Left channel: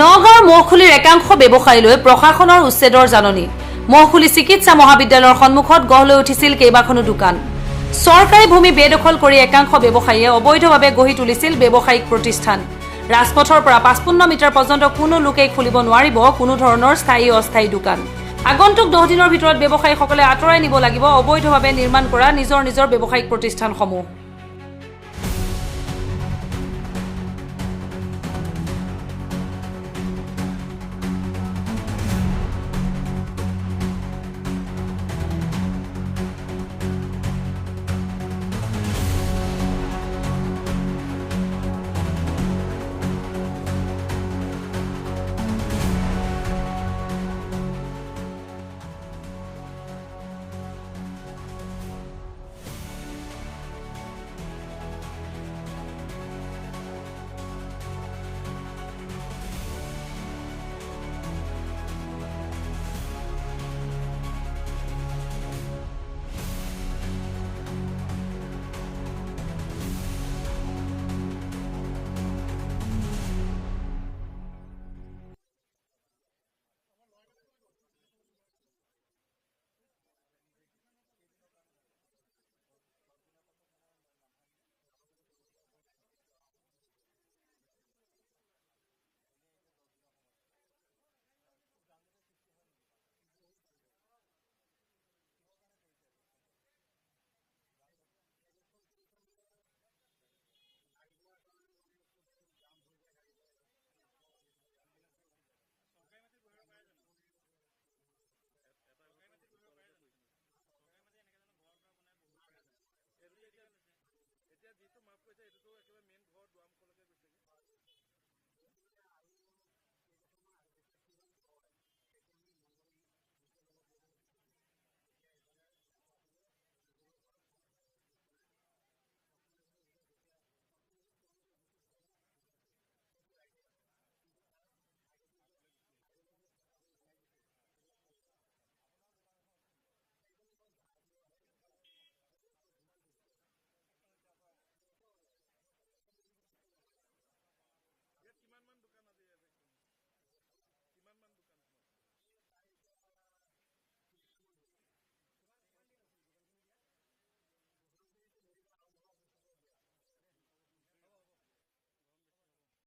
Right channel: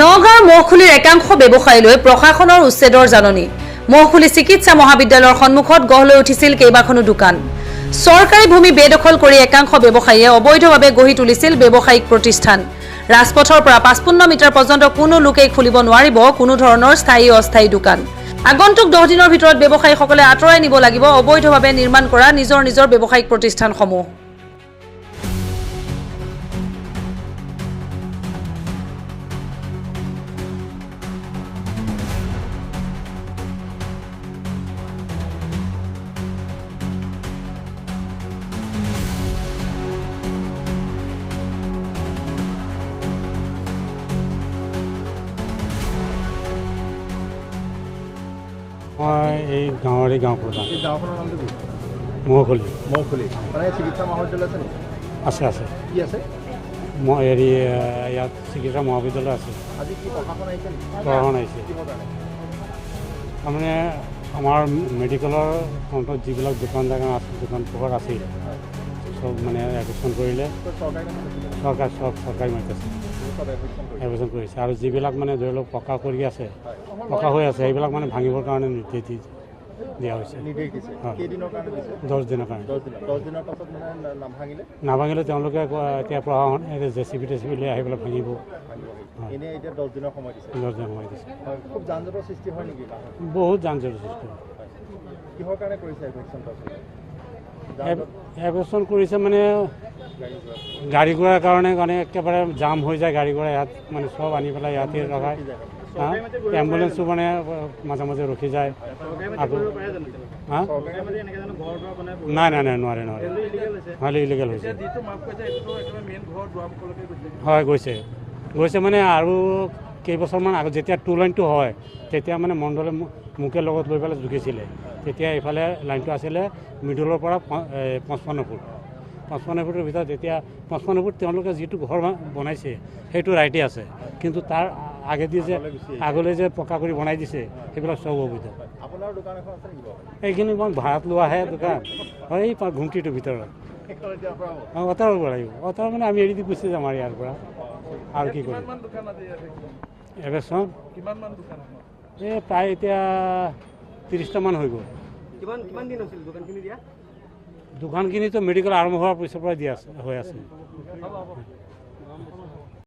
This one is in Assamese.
নগাঁৱৰ মহখুলিৰ একাংশ ব্যৱসায়ীলৈ প্ৰশাসনৰ উচ্ছেদৰ জাননী। মহখুলি চিকিৎসা মহাবিদ্যালয়ৰ সন্মুখত গঢ় লৈ উঠিছিল কেইবাখনো দোকান। চৰকাৰী ভূমি বেদখল কৰি একাংশ ব্যৱসায়ীয়ে অবৈধভাৱে গঢ়ি তুলিছিল ব্যৱসায়িক প্ৰতিষ্ঠান। ৰাজপথৰ পৰা 55 মিটাৰ পৰ্যন্ত কোনো লোকেই খুলিব নোৱাৰিব কোনো ধৰণৰ স্থায়ী অস্থায়ী দোকান। আগন্তুক 10 দিনৰ ভিতৰত ব্যৱসায়ীসকলে আঁতৰাই নিব লাগিব অবৈধভাৱে নিৰ্মাণ কৰা নিজৰ ব্যৱসায়িক প্ৰতিষ্ঠানসমূহ। মই এই গাঁৱৰ গাঁও প্ৰধান। এই গাঁওখনৰ নামটো কি? মহখুলি। মহখুলি মানে চিকিৎসা মহাবিদ্যালয় আছে নেকি? আছে আছে। কি আছে? মই হেৰি ইয়াত চিকিৎসা মহাবিদ্যালয় আছে। আজি কি প্ৰশাসন আহিছে নেকি? প্ৰশাসন আহিছে। তাৰমানে আমাৰ মেডিকেলৰ অন্তত যিবিলাক দোকান পোহৰ আছিল চব মানে এডমিশ্যন কৰিলে। চৰকাৰী মাতিছে এডমিশ্যন কৰিছে আৰু যিবিলাক মানে ধৰি লওক পকা কৰি আছে পকা হৈ আছে সেইবিলাক মানে ভাঙিবৰ কাৰণে নিৰ্দেশ দিয়া হৈছে। 10 দিনৰ কাৰণে। 10 দিনৰ পাছত মানে নাভাঙিলে তেওঁলোকে এতিয়া প্ৰশাসন জেচিবি লৈ আহি পেলাই ভাঙিব। এনেই এতিয়া 10 দিনৰ সময় দিছে। 10 দিনৰ সময় দিছে। খুব যান জঁটৰ সৃষ্টি হয় নেকি? বহুত যান জঁটৰ সৃষ্টি হয়। কিহৰ কাৰণে কৰিছে এভেকশ্যন কৰিছে মানে গাড়ী ঘোঁৰাৰ কাৰণে একেবাৰে জাম হৈ যায় গাড়ী ঘোঁৰা ইয়াত মানে চব আনি পেলাই ইয়াতে ৰখায়। এম্বুলেঞ্চো মানে মাজে মাজে ৰখি যায় আকৌ। নাই নোৱাৰে নহ'লে ইলিগেল হৈছে। হয় গৈছে মানে আৰু কেইবছৰমান আগত যেতিয়া 2 লাইনটো হয় তেতিয়া মানে মণ্ডলে মোকে লগত লৈ পেলাই জুখিছিলে। তেতিয়া এইফালে লাইনটো আছিলে মিডলৰ পৰা 55 ফুট। 55 ফুটৰ ভিতৰত এতিয়া 55 ফুট তেওঁলোকে যিটো ঘৰ বনাইছে সেইটো ৰাইটে আছে, কিন্তু তাৰ আগলৈ যে পকা কৰি বনাই দিছে সেইবিলাক চব অবৈধ। এইখিনি মই ভাড়াত লোৱাহে দোকান হয় এই ঘুমটিটোৰ ভিতৰত। অঁতৰাব লাগিব। অঁতৰা মানে আমি এৰি দি গুচি যাম আৰু ইয়াৰ পৰা আৰু কি কৰিম। এভেকশ্যন এই প্ৰায় এতিয়া 30টামান হৈ গ'ল। দোকানখিনিতো মেডিকেল আৰম্ভ হোৱাৰ পিছৰ পৰা হৈ আছে।